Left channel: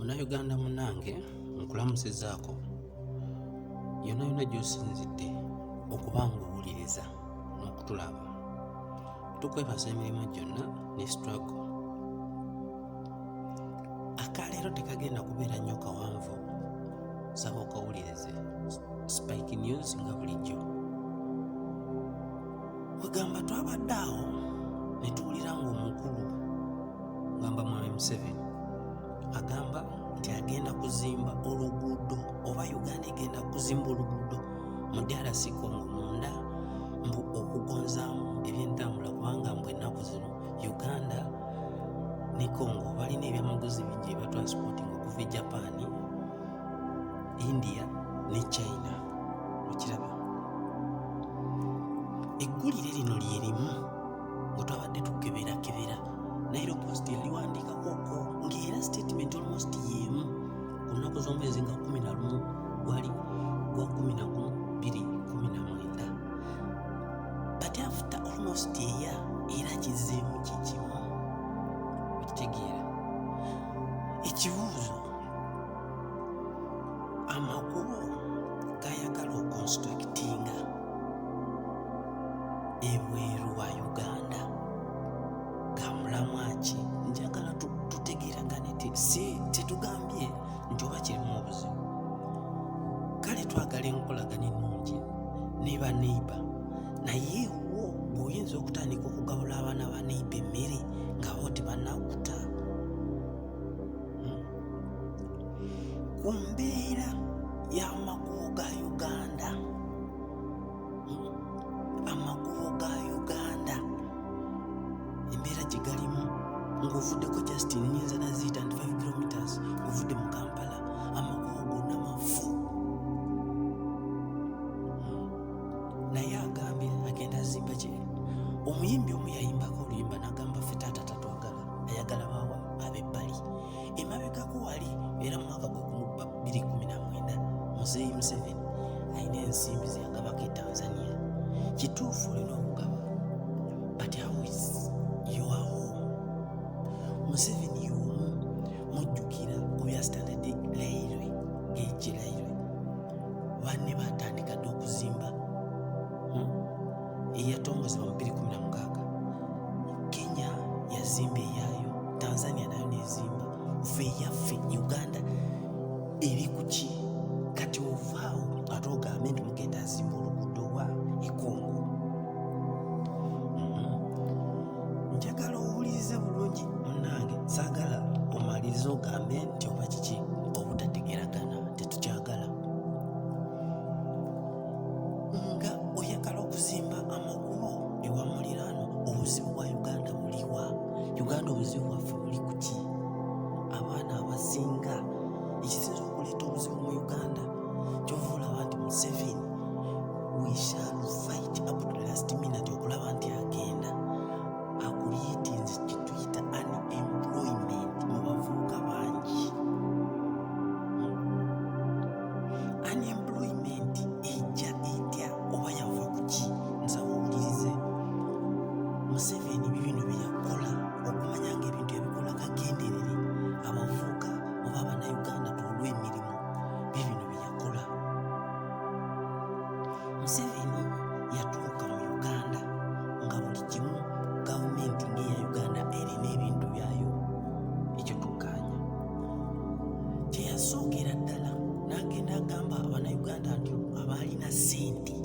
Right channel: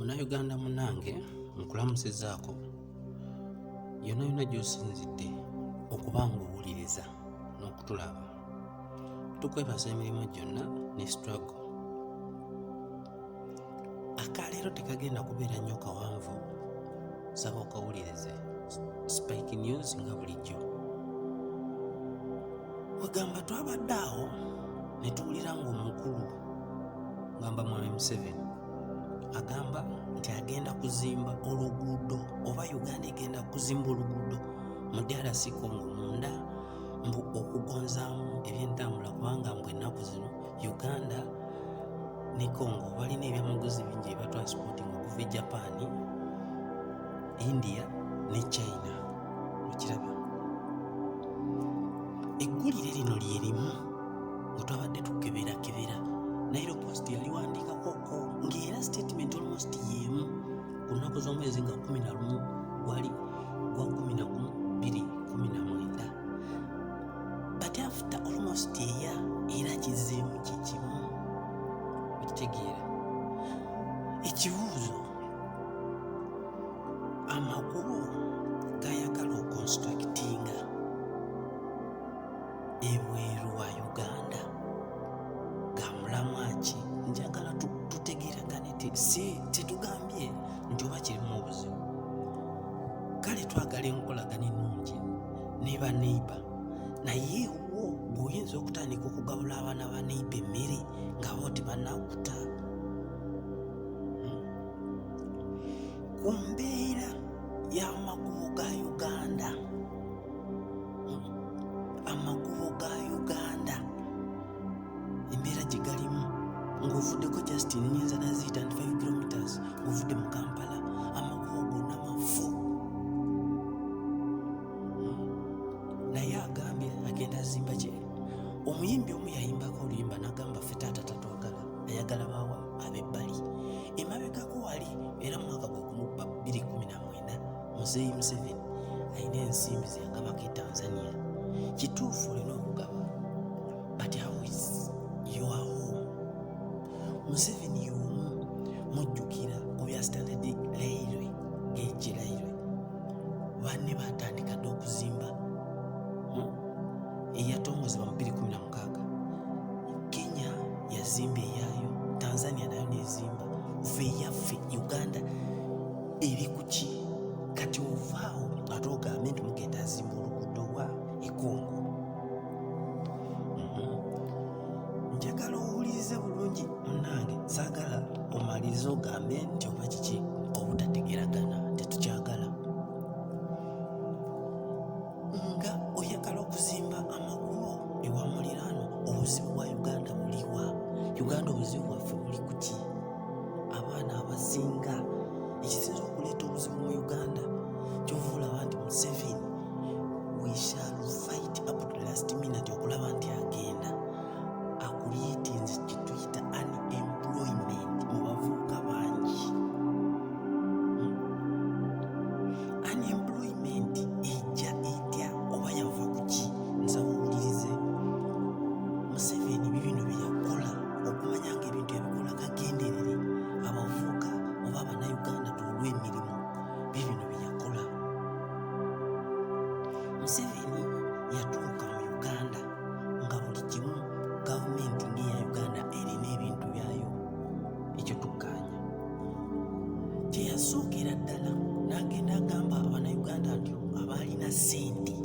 Munnayuganda munnange nkulamusizaako yonna yonna gy'osinzidde okuba ng'owuliriza n'okutulaba. Tukwebaza emirimu gyonna ne struggle. Akaleero tekagenda kubeera nnyo kawanvu, saba okawulirize. Spike News nga bulijjo. Wegamba twabadde awo ne tuwulira ng'omukulu gamba Mwami Museveni agamba nti agenda kuzimba oluguudo oba Uganda egenda kuzimba oluguudo mu DRC Congo munda mbu okugonzaamu ebyentambula kubanga mbu ennaku zino Uganda ne Congo balina ebyamaguzi bingi ebya transporting okuva e Japan, India ne China. Okiraba eggulire lino lyerimu bwe twabadde tukeberakebera Nairo Post yaliwandiikako ng'era statement almost y'emu ku nnaku z'omwezi nga 11 gwali gwa 11/2019, but after almost a year era kizeemu kikimu. Okitegeera ekibuuzo, amakubo gayagala okonstructinga ebweru wa Uganda gamulamwa ki? Njagala tutegeeragane tetugambye nti oba kirimu obuzibu. Kale twagala enkolagana ennungi ne baneiba, naye wo bw'oyinza okutandika okugabula abaana ba neiba emmere nga bo tebannakuta ku mbeera y'amakubo ga Uganda. Amakubo ga Uganda embeera gye galimu ng'ovuddeko just nnyinza naziyita 95 kilometers ng'ovudde mu Kampala, amakubo gonna mafu. Naye agambye agenda azimba kye. Omuyimbi omu yayimbako oluyimba n'agamba ffe taata tatwagala, ayagala baawa ab'ebbali. Emabegako wali era mu mwaka gwe 2019 Muzeeyi Museveni alina ensimbi ze yagabako e Tanzania. Kituufu olina okugaba, but how is your home? Museveni y'omu mujjukira ku bya Standard Railway, Gauge Railway. Banne batandika dde okuzimba eyatongozebwa mu 2016. Kenya yazimba eyaayo, Tanzania nayo nezimba. Ffe eyaffe Uganda eri ku ki? Kati ovaawo ate ogambe nti mugenda azimba oluguudo wa Congo. Njagala owulirize bulungi munnange, saagala omalirize ogambe nti oba kiki obutategeragana, tetukyagala. Nga oyagala okuzimba amakubo ewa muliraano, obuzibu bwa Uganda buliwa? Uganda obuzibu bwaffe buli ku ki? Abaana abasinga ekisinza okuleeta obuzibu mu Uganda kyova olaba nti Museveni we shall fight up to the last minute okulaba nti agenda akulietinze kituyita unemployment mu bavubuka bangi. Unemployment ejja etya oba yava ku ki? Nsaba owulirize Museveni bibino bye yakola okumanya nga ebintu ebikola kagenderere abavubuka oba Abannayuganda tuulwe emirimu, bibino bye yakola. Museveni yatuuka mu Uganda nga buli kimu gavumenti ng'eya Uganda erina ebintu byayo, ekyo tukkaanya. Kye yasookera ddala n'agenda agamba Abannayuganda nti abaalina ssente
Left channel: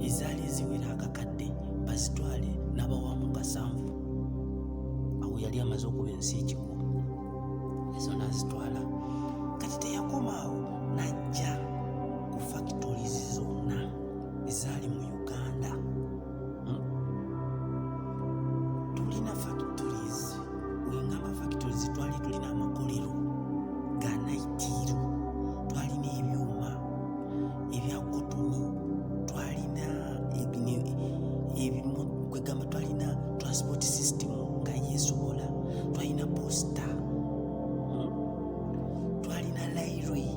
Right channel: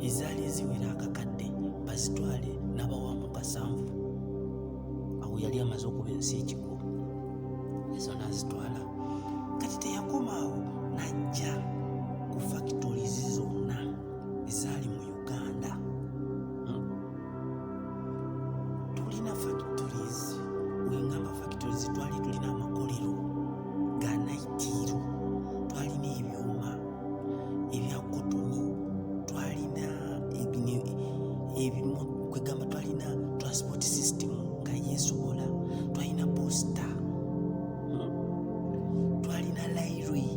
ezaali eziwera akakadde bazitwale n'abawamu kasanvu. Awo yali amaze okuba ensi ekigo, ezo n'azitwala. Kati teyakoma awo, n'ajja ku factories zonna ezaali mu Uganda. Tulina factories, wengamba factories twali tulina amakolero ga naitiru, twalina ebyuma ebya kotoni, twalina ebimu kwegamba, twalina transport system nga yeesobola, twalina posta, twalina railway.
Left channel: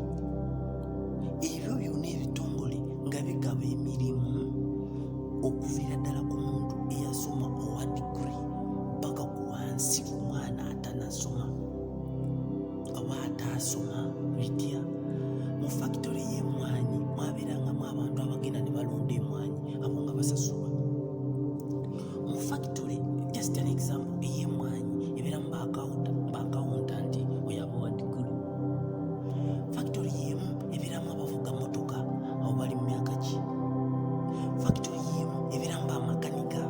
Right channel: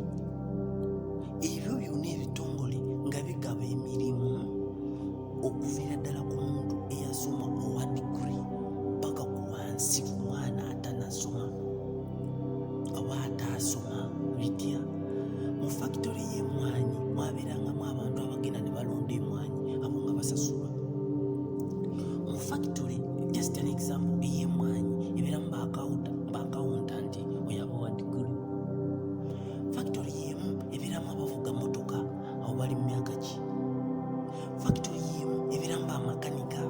Ebyo byonna ebitongole nga bigaba emirimu okuviira ddala ku muntu eyasoma owa degree paka ku wansi ku mwana atanasoma oba mwasoma bitya mu factory y'emmwanyi mwabeerangamu abantu abagenda ne balonda emmwanyi abo nga basasulwa mu factory. Just an example, ey'emmwanyi ebeeramu baakawuntanti oyaba wa diguli. Factory y'emu ebeeramu abavuga motoka abo bali mu myaka ki. Factory y'emu ebeeramu bamakanika.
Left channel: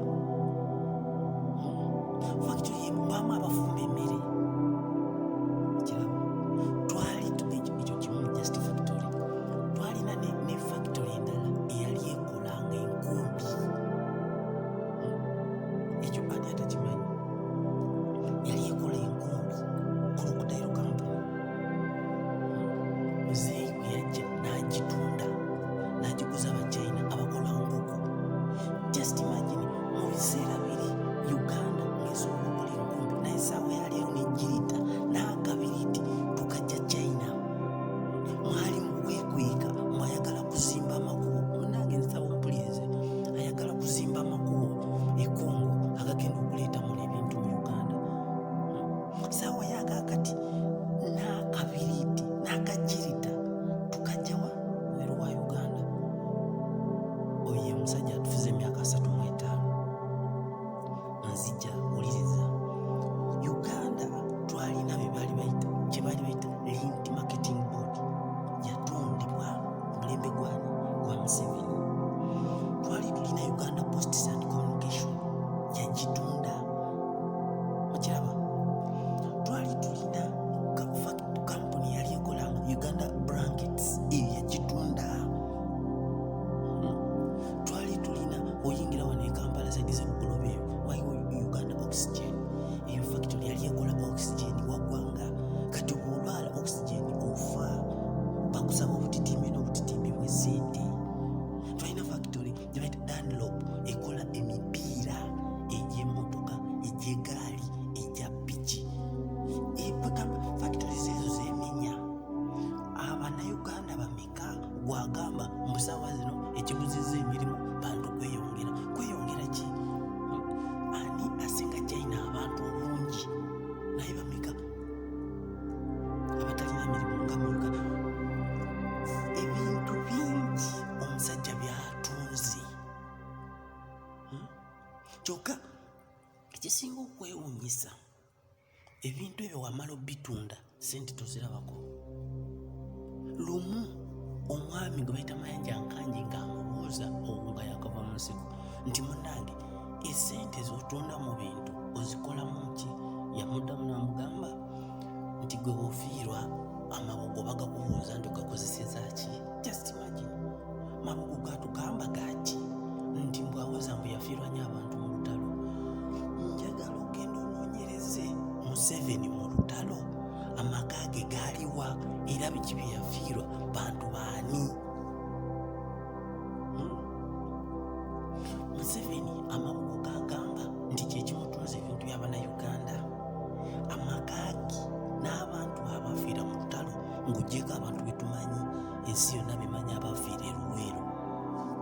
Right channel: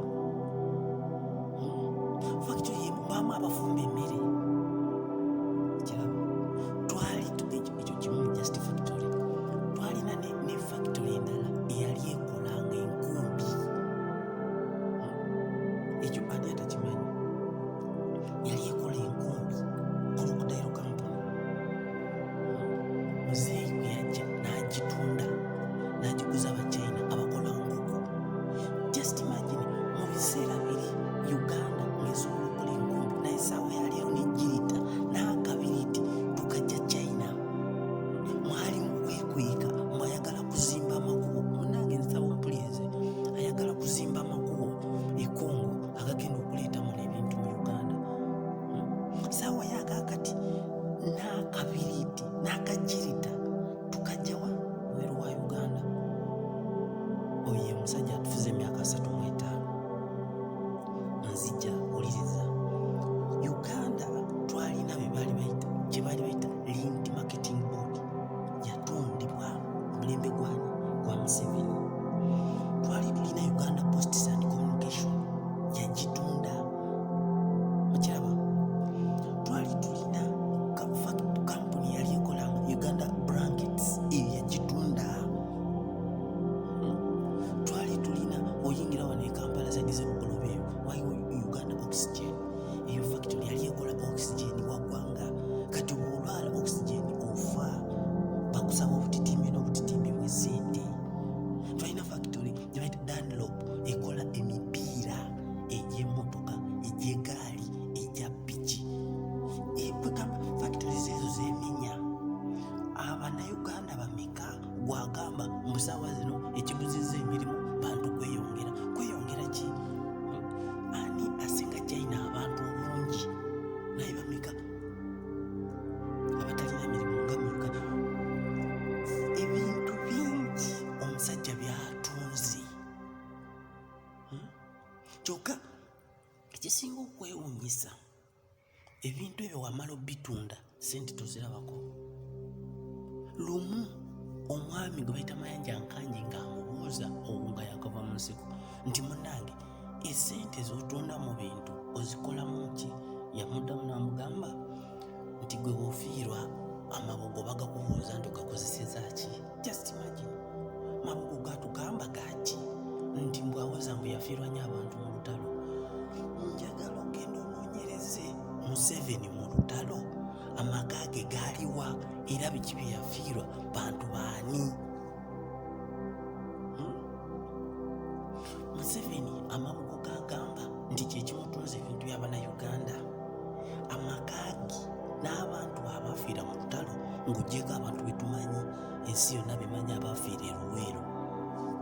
Factory y'emu baamu abafumba emmere. Kiraba twali ekyo kimu just factory. Twalina ne factory endala eyali ekolanga enkumbi. Ekyo ani atakimanyi? Yali ekola enkumbi Crocodile Company. Muzeeyi bwe yajja n'agitunda n'agiguza abachina abakola nkoko. Just imagine mu biseera biri Uganda ng'esobola okukola enkumbi naye essaawa ya leero n'egiyita n'akabiriti tukajja China. Mwali mu kwekweka mwayagala kuzimba amakubo. Munnange nsaba ompulirize, ayagala kuzimba amakubo e Congo agagenda okuleetamu ebintu mu Uganda. Saawa yakakati n'akabiriti n'akajirita tukajjawa weeru wa Uganda. Oyo ye musajja atufuze emyaka 35. Nzija uliriza Uganda twalina gye baali bayita Lint Marketing Board. Yatundibwa mulembe gwa Museveni. Twali tulina Uganda Posts and Communication yagitunda. Mukiraba twali tulina company yali ekolanga Uganda Blankets yagitunda. Twali tulina oyingira wano e Kampala zagize Bugolobe waliwo Uganda Oxygen. Eyo factory yali ekola oxygen waggwanga. Kati bw'olwala oxygen ofa bakusaba obutitimbi n'obutitimbi bw'essente. Twalina factory gye bayita Dunlop ekola emipiira egy'emmotoka egy'egaali egya piki. Factories ezo zeemenya. Abannayuganda bameka gwagamba mu ssaawa zino ekibuzizza emirimu bantu kweyongera. Kweyongera ki? Ani asinga China abantu obungi naye bameka abatalina mirimu nga mu Uganda? Ebintu bingi omusajja byatunze. Kyokka ekisinga okwewuunyisa ebintu ebyo wamala obitunda sente tozirabako. Lumu omwami gwe bayita Mayanja Nkanji ng'amubuuza nga yakava mu nsiko nti munnange esente z'otunda mu bintu ozikolamu ki? Yamuddamu n'amugamba nti gwe wofiirwa amabogo bagakubuuza nti ogakozeseza ki? Just imagine mabogo gatugamba gaki nti mbwawoza mbu yafiirwa nnyo abantu mu lutalo. Njagala ogenda onoonyereze Museveni mu lutalo amaka ge gaaliwa era biki bye yafiirwa bantu baani? Museveni amabugo gagamba nti kyekimutunza ebintu by'Abannayuganda. Amakaagi n'abantu abafiira mu lutalo ng'oggyeko abantu betumanyi ensi yonna bemanyi abafiira e Luweero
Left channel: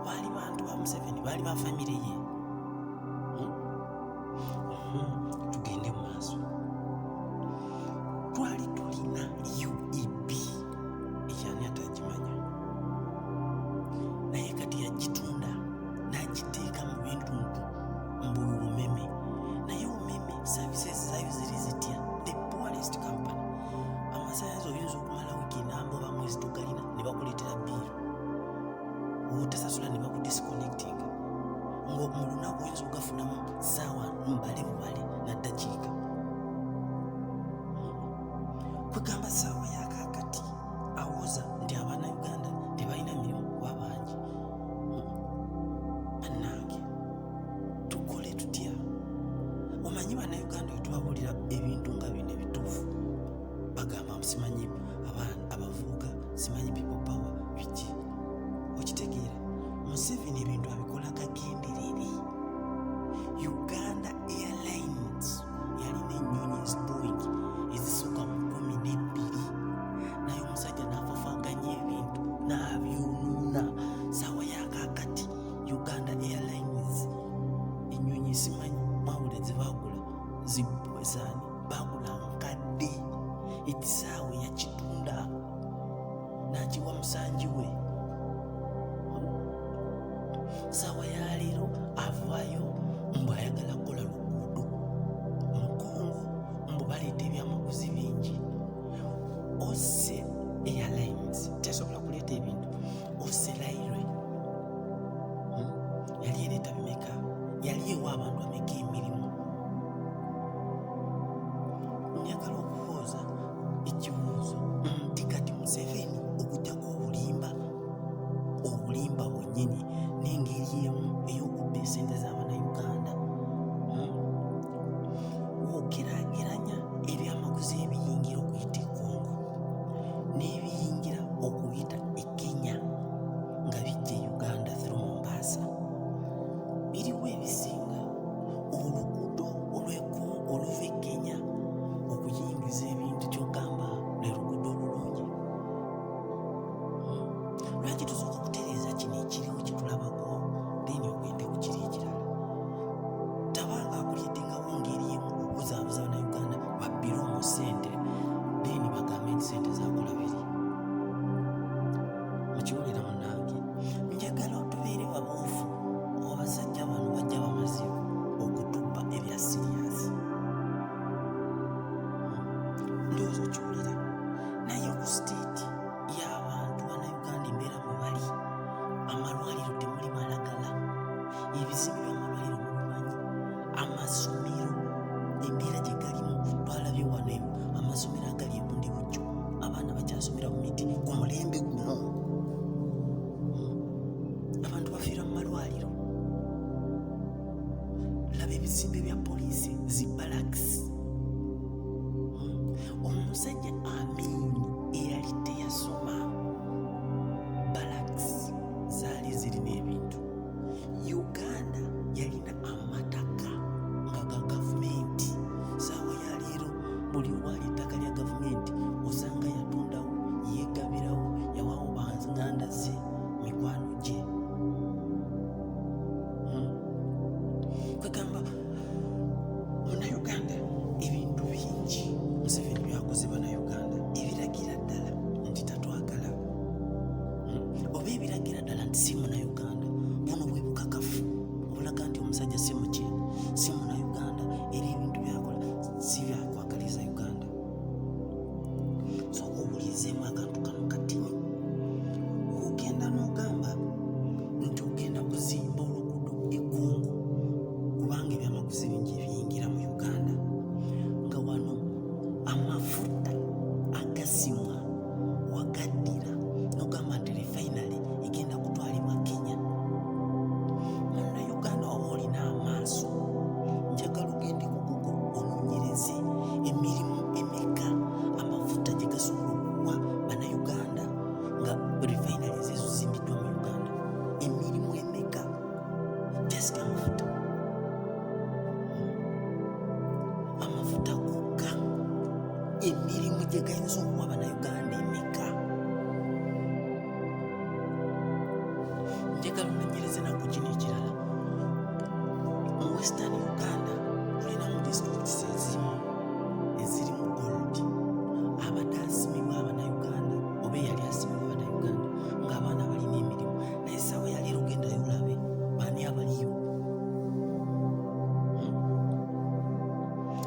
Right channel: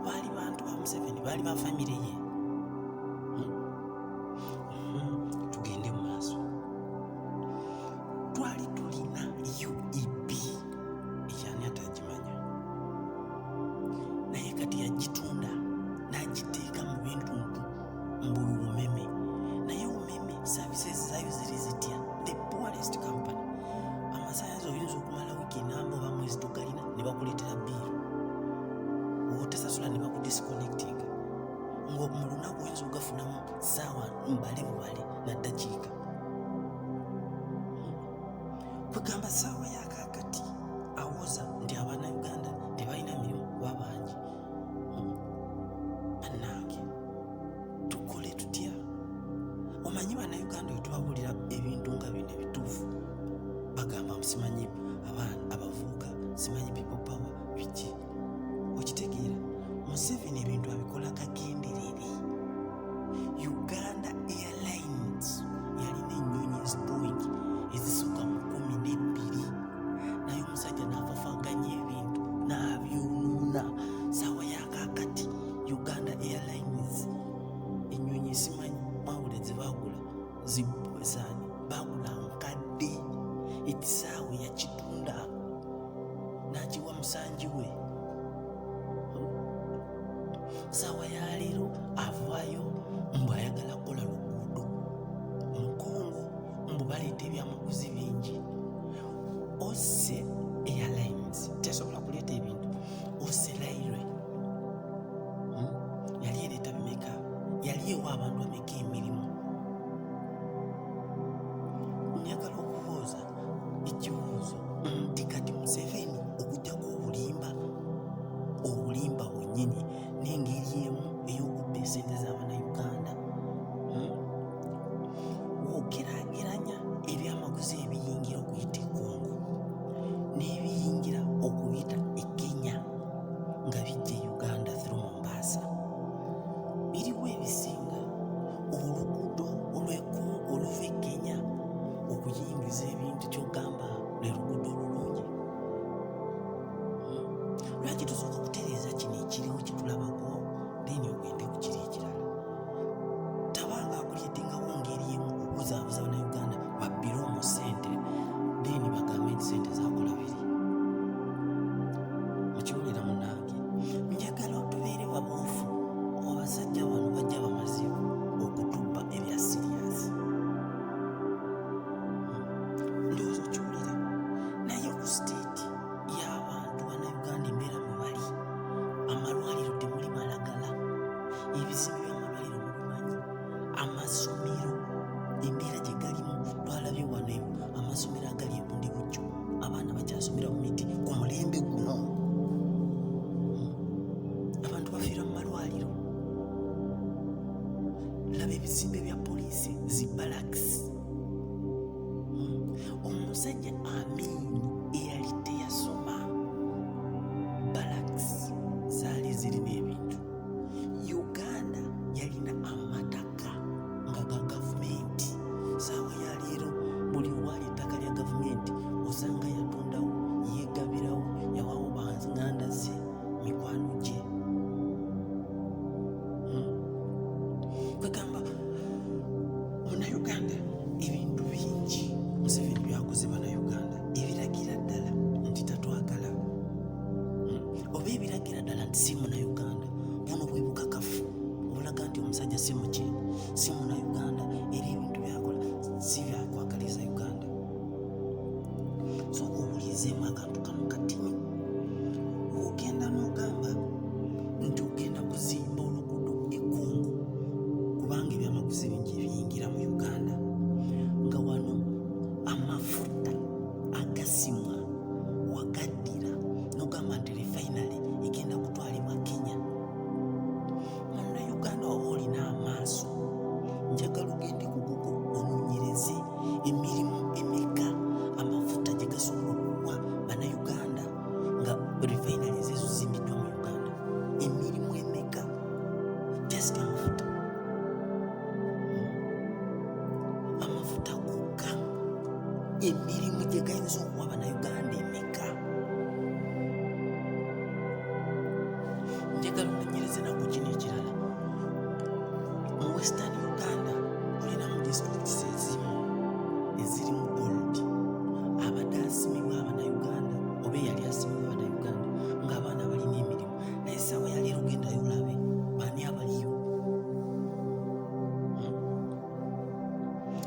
baali bantu ba Museveni, baali ba famire ye. Tugende mu maaso. Twali tulina UEB ekyani atagimanya naye kati yagitunda n'agiteeka mu bintu mbu umeme. Naye umeme services zaayo ziri zitya? The poorest company. Amasannyalaze oyinza okumala wiiki namba oba mwezi togalina ne bakuleetera biiru. Otasasula ne bakudisconnectinga. Mu lunaku oyinza ogafunamu ssaawa mbale na ddakiika. Kwegamba ssaawa yakakati awoza nti Abannayuganda tebalina mirimu kuba bangi. Bannange tukole tutya? Omanyi Bannayuganda bwe tubabuulira ebintu nga bino ebituufu bagamba simanyi abavubuka, simanyi people power biki. Okitegeera Museveni ebintu abikola kagenderere. Uganda Airlines yalina ennyonyi Boeing ezisukka mu 12 naye omusajja n'afafaganya ebintu n'abyonuuna. Ssaawa yakakati Uganda Airlines ennyonyi simanyi mwawule zebaagula zibwezaani baagula nkadde. Ekisaawe yakitunda nakiwa musanji we. Saawa ya leero avaayo mbu ayagala kukola luguudo mu Congo, mbu baleeta ebyamaguzi bingi. Ose Airlines tesobola kuleeta ebintu. Ose Railway yali ereeta bimeka? Yali ewa abantu ameka emirimu? Njagala okubuuza ekibuuzo nti kati Museveni okujjako obulimba bwennyini n'engeri emu ey'okubba esente z'Abannayuganda. Wogeraageranya ebyamaguzi ebiyingira okuyita e Congo n'ebiyingira okuyita e Kenya nga bijja e Uganda through Mombasa, biriwo ebisinga. Oluguudo oluva e Kenya okuyingiza ebintu ky'ogamba lwe luguudo olulungi. Lwaki tusooka kutereeza kino ekiriwo kitulabako then ogende ku kiri ekirala? Tabanga akulyetingawo ngeri emu okuzaabuza Bannayuganda babbire omu ssente then bagambe nti ssente zakola biri. Mukiwulira munnange, njagala otubeere babuufu. Abasajja bano bajja bamazibu okutubba ebya siriyasi. Ndowooza okiwulira. Naye ku siteeti y'abantu Bannayuganda embeera mwe bali, amalwaliro temuli malagala, ebizimbe by'amalwaliro mubimanyi, amasomero embeera gye galimu twalabye wano amasomero agali e Bundibujjo, abaana bakyasomera mu miti ku mulembe guno. Abantu bafiira mu malwaliro. Laba ebizimbe bya poliisi, zi barracks. Omusajja Amin eyali teyasoma, barracks zaali zirina ebintu. Uganda yalina amataka nga ga gavumenti. Saawa ya leero buli owali ettaka lya gavumenti osanga yatundawo, yeegabirawo, yawawo banganda ze, mikwano gye. Kwegamba Munnayuganda ebintu bingi Museveni byakoze Bannayuganda ebiragira ddala nti tatwagala, oba ebiragira ddala nti si Munnayuganda. Buno bwe bukakafu obulaga nti omusajja si muki, si Munnayuganda era ebintu byakola si byakwagaliza Uganda. Sooka owulirizeemu akantu kano katini. Ogenda n'ogamba nti ogenda kuzimba oluguudo e Congo kubanga ebyamaguzi bingi ebiyingira mu Uganda, nga wano amafuta agasimwa wagaddira n'ogamba nti refinery egenda kutwalibwa Kenya. Munnayuganda oba olina amaaso, njagala ogende ku Google onoonyereze emirimu emeka amafuta gye gasobola okuwa Bannayuganda nga refinery ezo zimbiddwa mu Uganda. Emirimu emeka just amafuta. Amafuta gokka emirimu gye gayinza okuwa Bannayuganda emeka. Njagala onoonyereze naku kino ekirala. Mu Western Uganda olinamu districts ezimu ezirimu gold. Abadde asimibwa Abannayuganda oba eyali asimibwa Abannayuganda ng'abaana balina emirimu, naye saawa ya leero gendayo olabe baani abaliyo.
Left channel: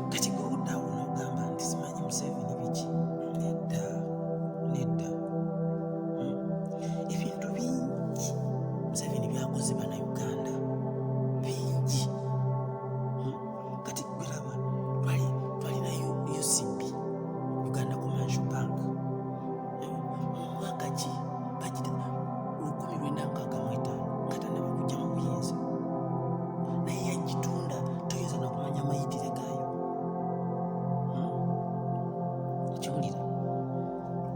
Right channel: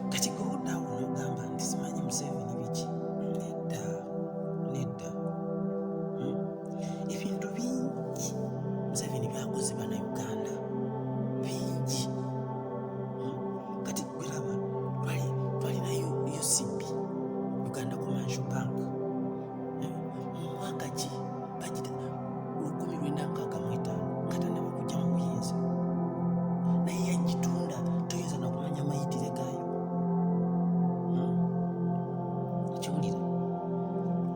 Kati gwe oddaawo n'ogamba nti simanyi Museveni biki. Nedda. Ebintu bingi Museveni byakoze Bannayuganda bingi. Kati gwe laba twalina UCB, Uganda Commercial Bank. Mu mwaka ki bagita 1965 nga tannaba kujja mu buyinza, naye yagitunda toyinza nakumanya mayitire gaayo. Kiwulira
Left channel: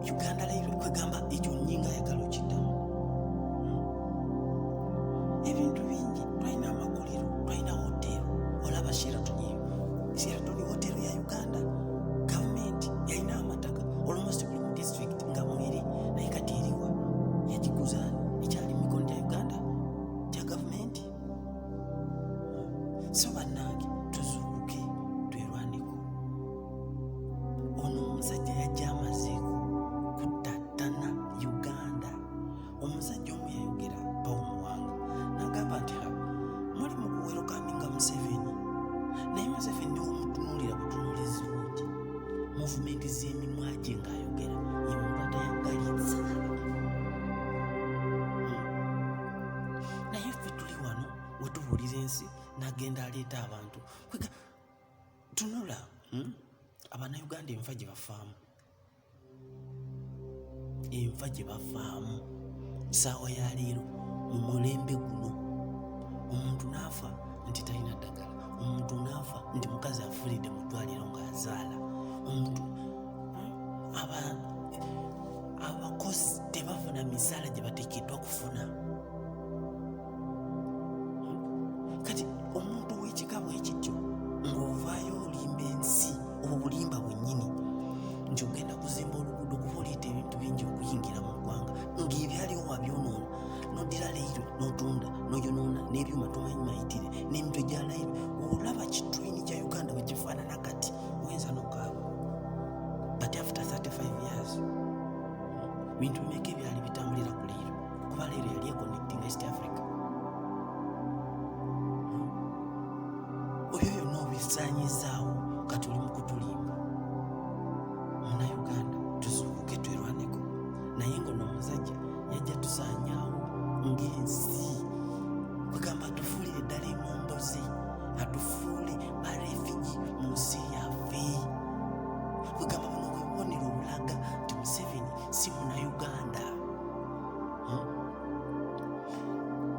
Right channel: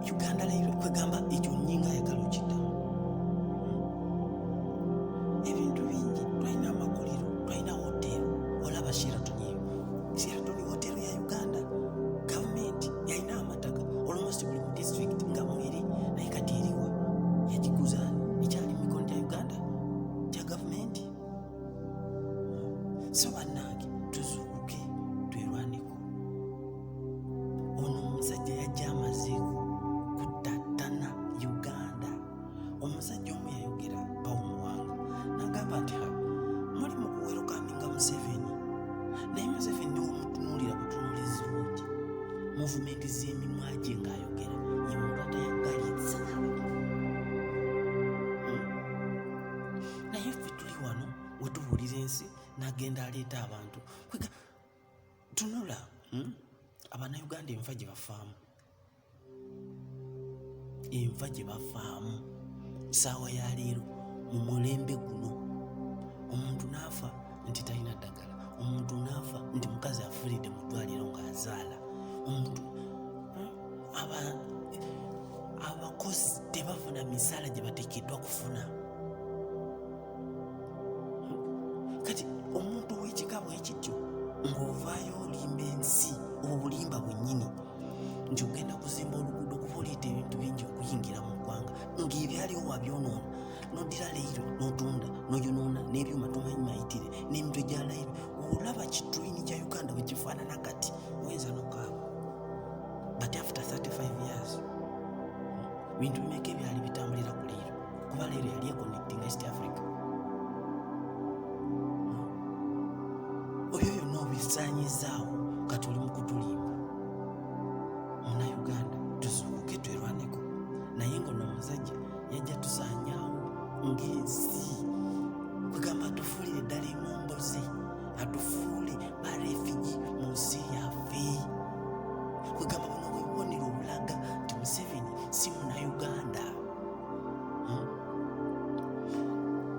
Uganda Railway kwegamba ekyo nnyinga ayagala okiddamu. Ebintu bingi, twalina amakolero, twalina hotero. Olaba Sheraton eyo, Sheraton hotero ya Uganda gavumenti yalina amataka almost buli mu district nga mweri, naye kati eriwa yagiguza ekyali mu mikono gya Uganda gya gavumenti. So bannange tuzuukuke twerwaneko. Ono omusajja yajja amazeeko kuttattana Uganda. muvumenti z'emimwa gye ng'ayogera ye muntu atayagalitsa. Naye ffe tuli wano we tubuulira ensi n'agenda aleeta abantu tunula Abannayuganda enfa gye bafaamu, enfa gye bafaamu ssaawa ya leero mu mulembe guno. Omuntu n'afa nti talina ddagala, omuntu n'afa nti mukazi afiiridde mu ddwaliro ng'azaala, omuntu abakozi tebafuna misaala gye bateekeddwa kufuna. Kati omuntu ow'ekika bwekityo ng'ovaayo olimba ensi obwo bulimba bwennyini nti ogenda kuzimba oluguudo kuba oleeta ebintu bingi okuyingira mu ggwanga ng'ebyaliwo wabyonoona, n'oddira layiro n'otunda n'oyonoona n'ebyuma tomanyi mayitire n'emitwe gya layiro. Olaba kitulini kya Uganda bwe kifaanana kati oyinza n'okaaba. But after 35 years bintu bimeka ebyali bitambulira ku leero kuba leero yali econnecting East Africa. Oyo yonna obisaanyizaawo kati oli mu kutulimba. Munnayuganda tuzuukuke twerwaneko, naye ng'ono omusajja yajja tusaanyaawo ng'ensi. Kwegamba atufuulire ddala emomboze, atufuule ba refugee mu nsi yaffe. Kwegamba buno bwe bubonero obulaga nti Museveni si Munnayuganda.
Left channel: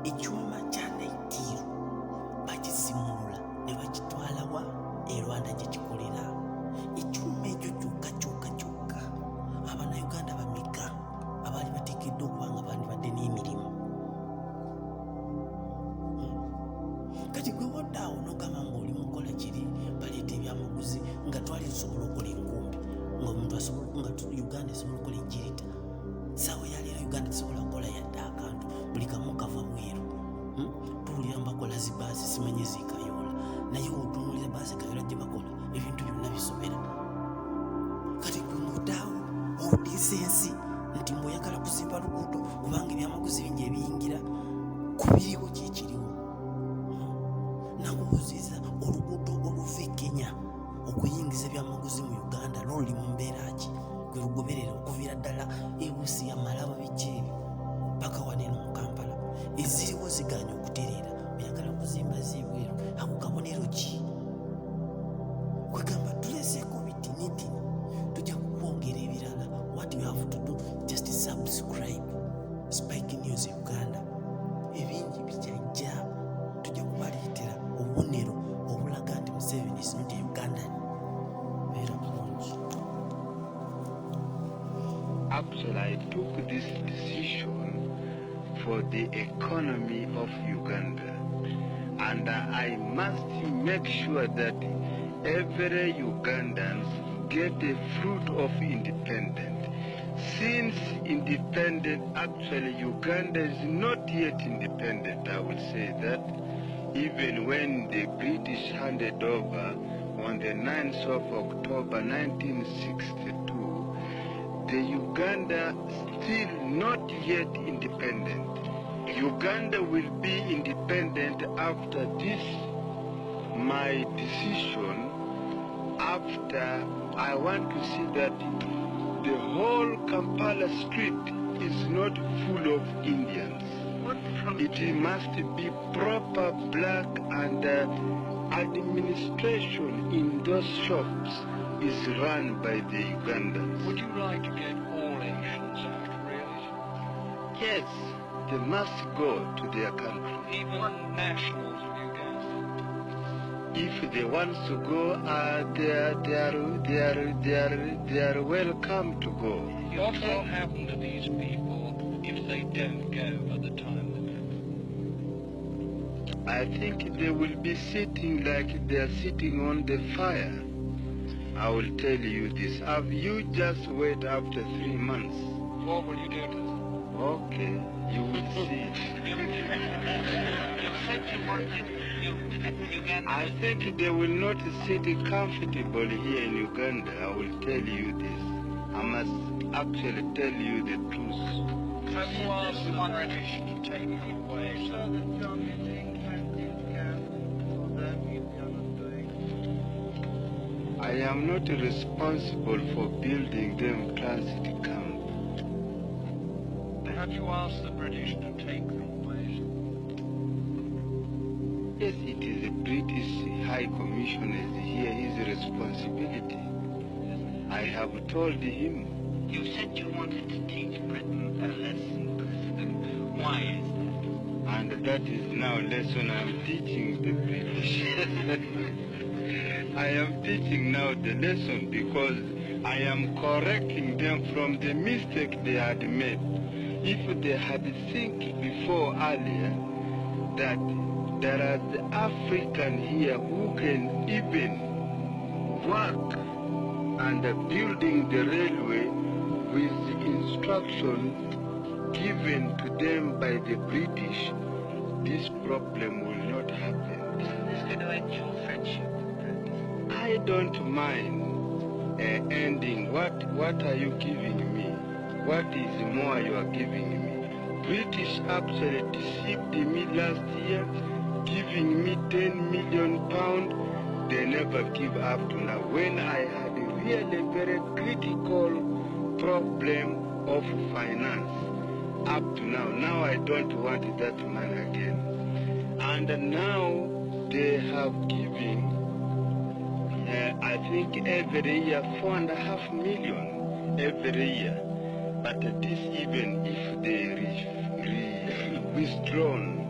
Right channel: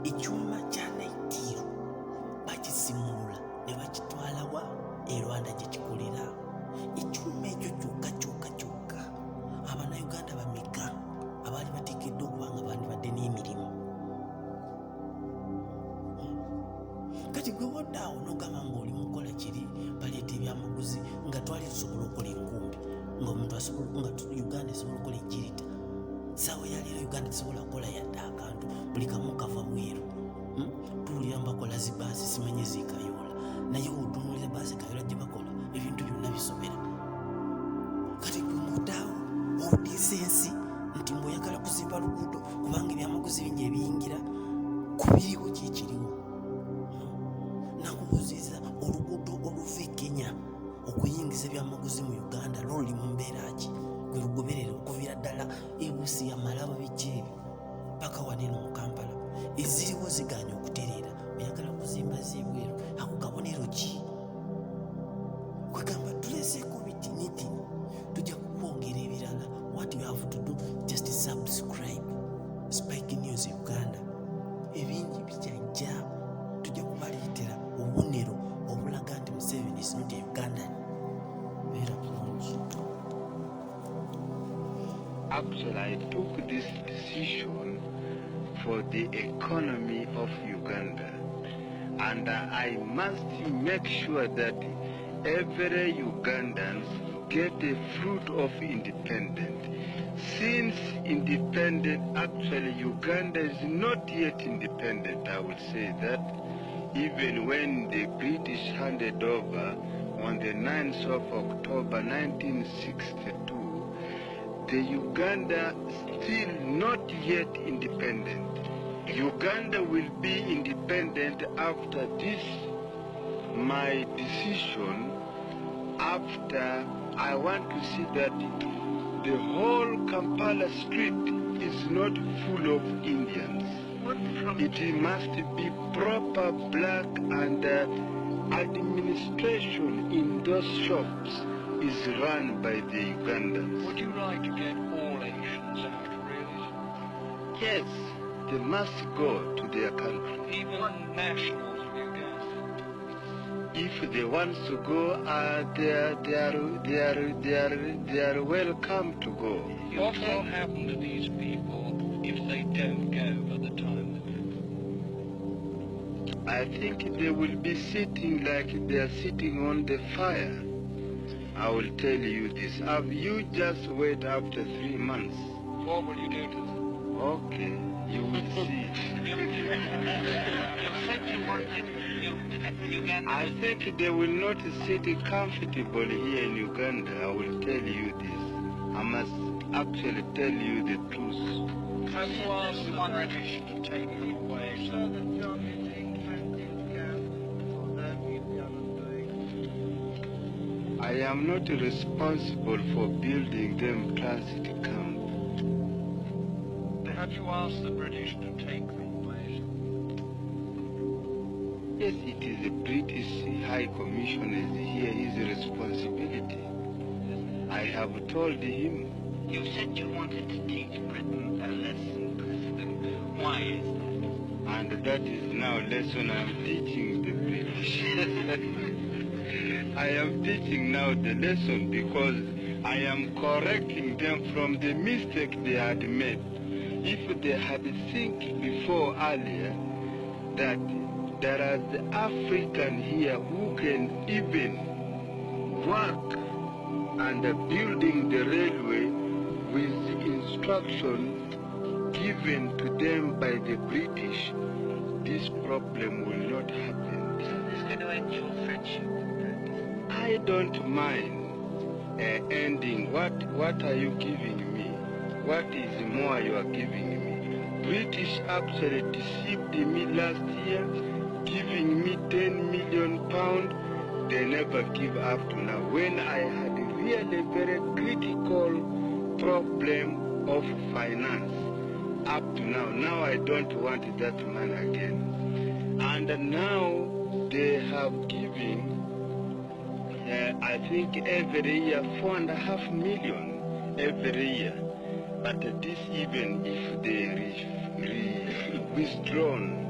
Ekyuma kya Naitiro bakisimulula ne bakitwala wa e Rwanda gye kikolera. Ekyuma ekyo kyokka Abannayuganda bameka abaali bateekeddwa okuba nga bandibadde n'emirimu. Kati gwe woddaawo n'ogamba ng'oli mukola kiri baleeta ebyamaguzi nga twali tusobola okukola enkumbi ng'omuntu nga Uganda esobola okukola ejjirita. Ssaawa ya leero Uganda tesobola kukola yadde akantu, buli kamu kava bweru. Tuwulira bakola zibaasi simanyi zikayoola, naye otunuulira baasi kayola gye bakola ebintu byonna bisobera. Kati gwe muddaawo odiisa ensi nti mbw'oyagala kuzimba luguudo kubanga ebyamaguzi bingi ebiyingira kubiriwo kyekiriwo. Nakubuuziza oluguudo oluva e Kenya okuyingiza ebyamaguzi mu Uganda luli mu mbeera ki? Gwe lugoberera okuviira ddala e Busia, Malaba, biki ebyo paka waneeno mu Kampala eziriwo ziganya okutereera. Oyagala kuzimba z'ebweru, ako kabonero ki? Kwegamba tuleseeko bitinitini, tujja kukwongera ebirala. What you have to do, just subscribe Spike News Uganda. Ebingi bijajja tujja kubaleetera obubonero obulaga nti Museveni is not a Ugandan. Beera bulungi. Actually, I took this decision for the economy of Uganda, and I must make sure that every Ugandan get the fruit of independence. Since independent, actually Uganda is not yet independent, I will say that. Even when the British handed over on the 9th of October 1962, the Uganda still not yet independent. Uganda will be independent after this, my decision, after I want to see that the whole Kampala street is not full of Indians. It must be proper black, and administration in those shops is run by the Ugandans. Would you like to get all Asians out, really? Yes, they must go to their country. Even nationals of Uganda? If they want to go, they are welcome to go. What will happen to these people if they don't go at the time they go? I think they will be sitting like they are sitting on the fire. I will tell you this. Have you just wait after 3 months? What will you do to them? Okay, you will see. I think they will not sit comfortable here in Uganda. I will tell you this. I must actually tell you the truth. Have you asked the British to take them away? I am not responsible for building them transit camp. Have you asked the British to take them, please? Yes, it is the British High Commissioner here, his responsibility. I have told him. You said you wanted to teach Britain a lesson, President. Why is that? And that is now lesson I am teaching the British. I am teaching now the lesson because I am correcting them from the mistake they had made. If they had think before earlier that there are the African here who can even work and building the railway with instruction given to them by the British, this problem will not happen. Isn't this going to end your friendship with Britain? I don't mind ending. What are you giving me? What is more you are giving me? British actually deceived me last year, giving me 10 million pounds. They never give up to now. When I had a really very critical problem of finance, up to now I don't want that money again. And now they have given, I think every year, 4.5 million every year. But this even if they withdrawn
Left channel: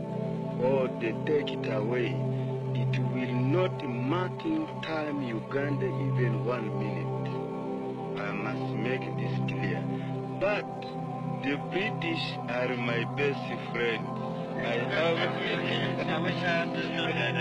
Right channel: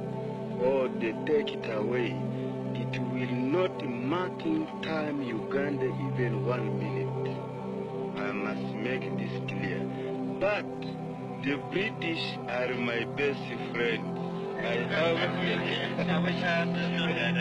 or they take it away, it will not matter time Uganda even 1 minute. I must make this clear. But the British are my best friends. I have... I wish I understood that.